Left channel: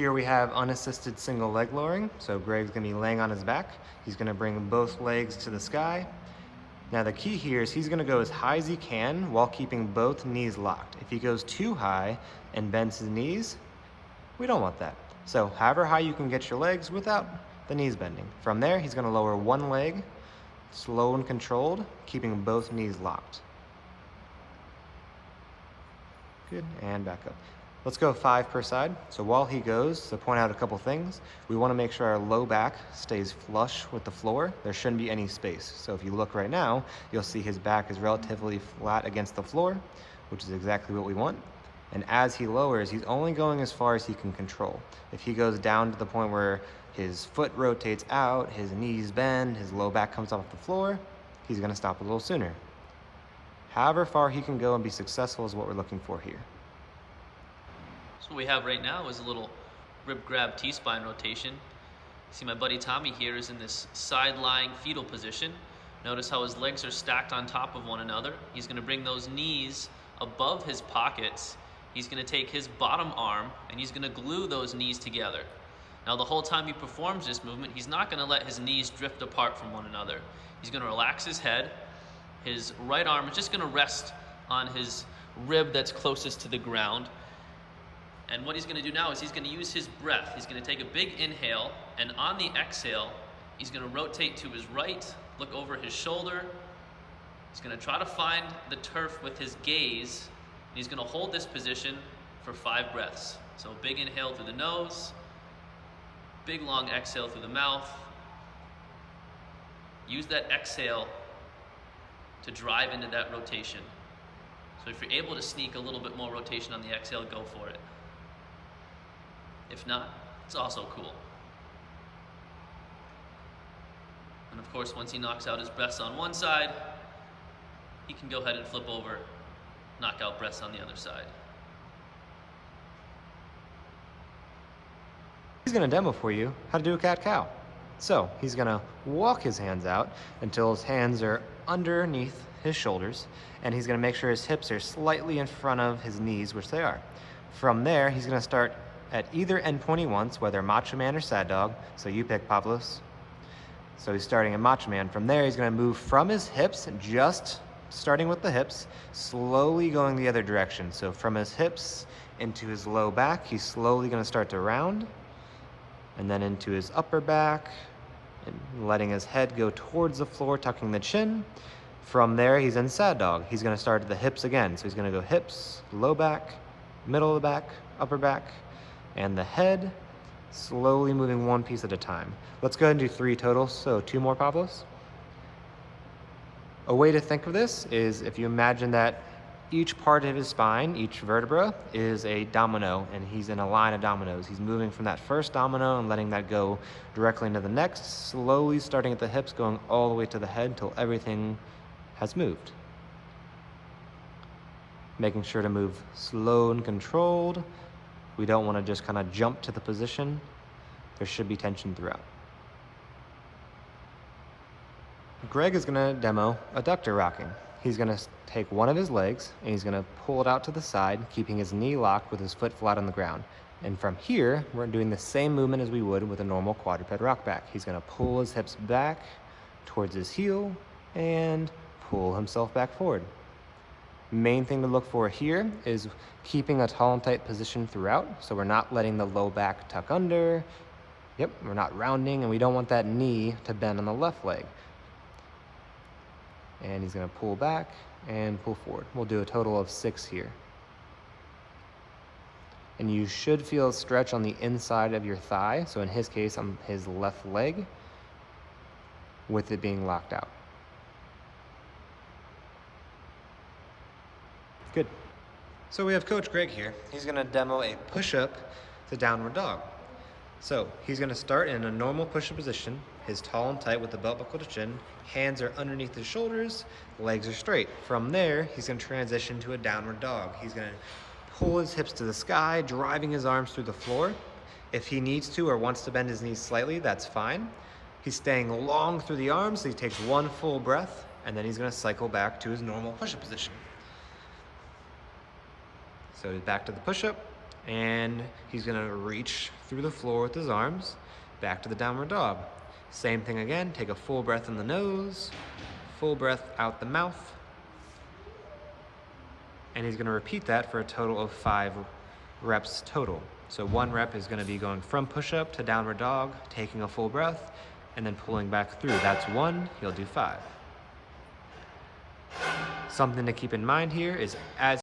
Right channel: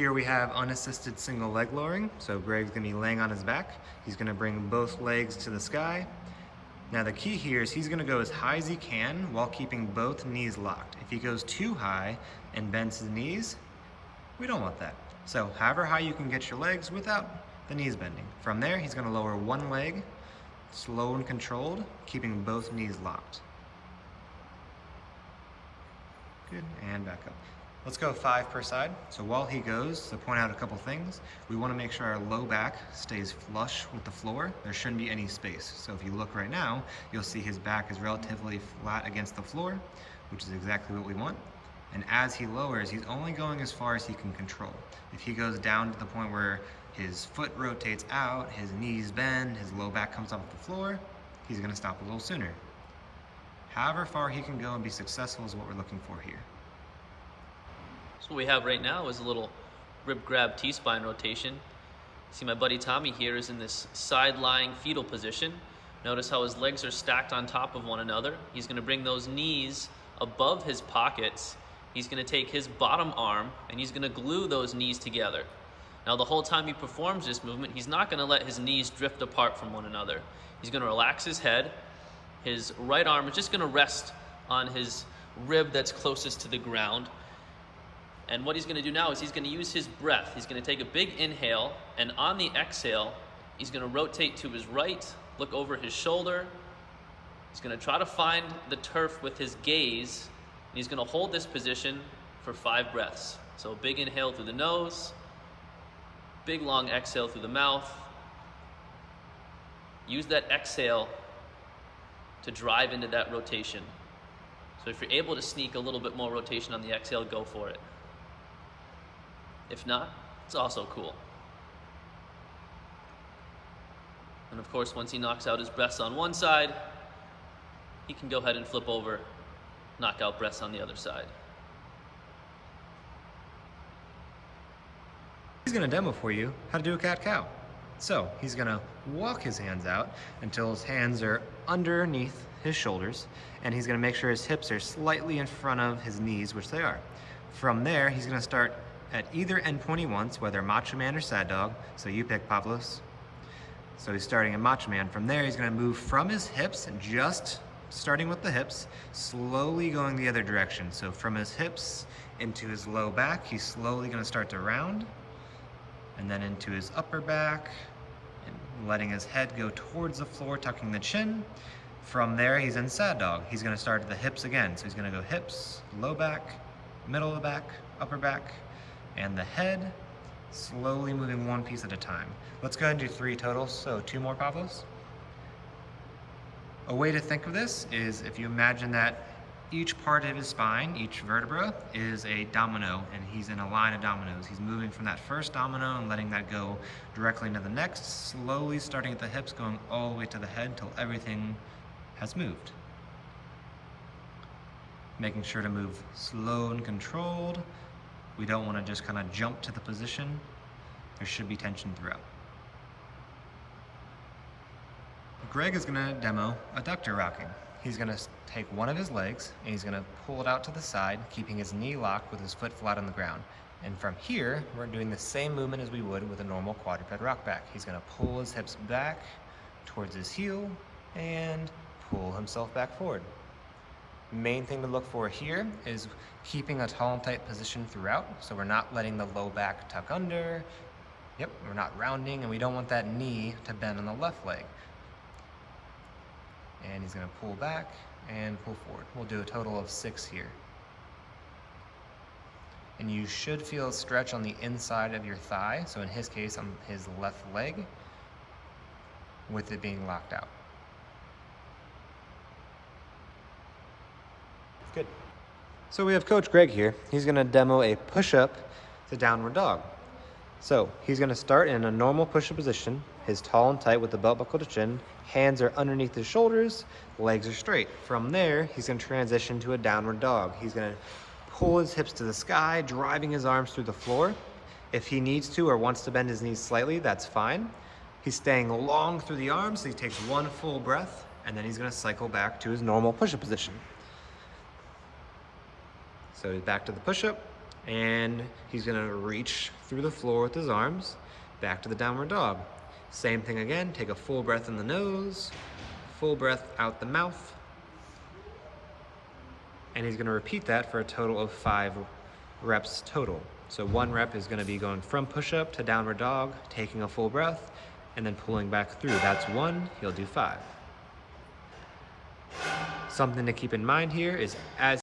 Here we have unassisted single leg lowering. So Greg's gonna be laying on his back. He's gonna bring both legs to the sky. Now the key here is he's gonna go as high as he can while keeping both knees locked. If he goes too high and bends his knees, we don't want that. So however high you can get your legs without the knees bending. From there, he's gonna lower one leg, slow and controlled, keeping both knees locked. Good, and back up. Let's go 5 per side. So while he goes, to point out a couple things, we wanna make sure our low back stays flush with the floor. There shouldn't be any space. So if you look right now, you'll see his back is relatively flat against the floor, which is exactly what we want. And as he lowers, he's only going as far as he can control. If he goes down to the point where his foot rotates out, his knees bend, his low back comes off the floor, he's gonna stop a little sooner. However far he can go and be successful is what we're looking for here. So what we have right now is a little rib grab T-spine rotation. See, my buddy Tommy here is in this side-lying fetal position. Notice how his legs are stacked on top of one another. He's gonna bring those knees above his pockets. He's gonna take his bottom arm and he's gonna glue those knees together. Now the whole time he performs this movement, he's not gonna let his knees drift apart from one another. He's gonna relax his head. His right arm is just gonna rest on his rib that's closest to the ground. And what he's gonna do now is he's gonna use his breath. He's gonna take a big inhale, and on the exhale, he's gonna rotate to his right, look over his shoulder. He's gonna try to find the turf with his gaze, and he's gonna hold this position for 5 breaths. So big inhale through the nose, big long exhale through the mouth. Use that exhale to drive into that rotation. So if you're able to sneak a little bit more rotation on the exhale, go for it. If not, it's also cool. And of course, once he knocks out his breaths on one side, he can go ahead and flip over, knock out breaths on the other side. He's gonna demo for you how to do a cat-cow. So he's gonna walk his hands out until his hands are underneath his shoulders, and he's gonna make sure his hips are slightly in front of his knees, which they are. From there, he's gonna start at either end pointing once, whether Macho Man or Sad Dog. So you pick, Pavlos. So he's starting in Macho Man. From there, he's gonna move from his hips, just starting with the hips, slowly going the other direction. So from his hips into his low back, he's slowly gonna start to round, and then into his upper back, and letting his head go towards the floor, tucking the chin. From there, he's in Sad Dog. He's gonna start at the hips again. So he's gonna go hips, low back, middle of the back, upper back, and the head, slowly moving one piece at a time. Let's go ahead and do 3 totals, so 2 more, Pavlos. A way to think of this is if you imagine that each part of his spine, each vertebra, is a domino, and he's in a line of dominoes. He's moving from that first domino and letting that go directly into the next, slowly starting at the hips, going all the way to the head until everything has moved. Making sure to move slow and controlled. We don't want to just kind of jump to the position. There should be tension throughout. Greg is going to demo adductor rocking. He's going to take one of his legs and he's going to pull it out to the side, keeping his knee locked with his foot flat on the ground. And from here, we're doing the same movement as we would with a normal quadruped rock back. He's going to pull his hips back towards his heel and pull himself back forward. Main thing to look for here is keeping a tall and tight position throughout, so we're not letting the low back tuck under. Yep, we're not rounding, and we don't want that knee to bend on the left leg. And he's gonna pull back and pull forward. We'll do a total of 6 here. And you should feel a stretch on the inside of your thigh, so in his case, on his left leg, with it being locked out. Good. So we have Coach Greg here. He's gonna demo a push-up to downward dog. So he's gonna start in a normal push-up position, his tall and tight with the belt buckle to chin, hands are underneath his shoulders, legs are straight. From there, he's gonna transition to a downward dog. He's gonna pull his hips to the sky, driving his arms through the floor. If he needs to or wants to bend his knees slightly, that's fine. He's staying long through the arms, so he takes one full breath, and then he's gonna cycle back to his normal push-up position. So he's back to the push-up, And he's gonna reach through the floor with his arms, back to the downward dog. Same thing again, take a full breath in the nose, full breath out the mouth. And he's gonna repeat that for a total of 5 reps total. So 1 rep is gonna be going from push-up to downward dog, taking a full breath, and then pulling back through. That's 1, he'll do 5. Something to keep in mind here is as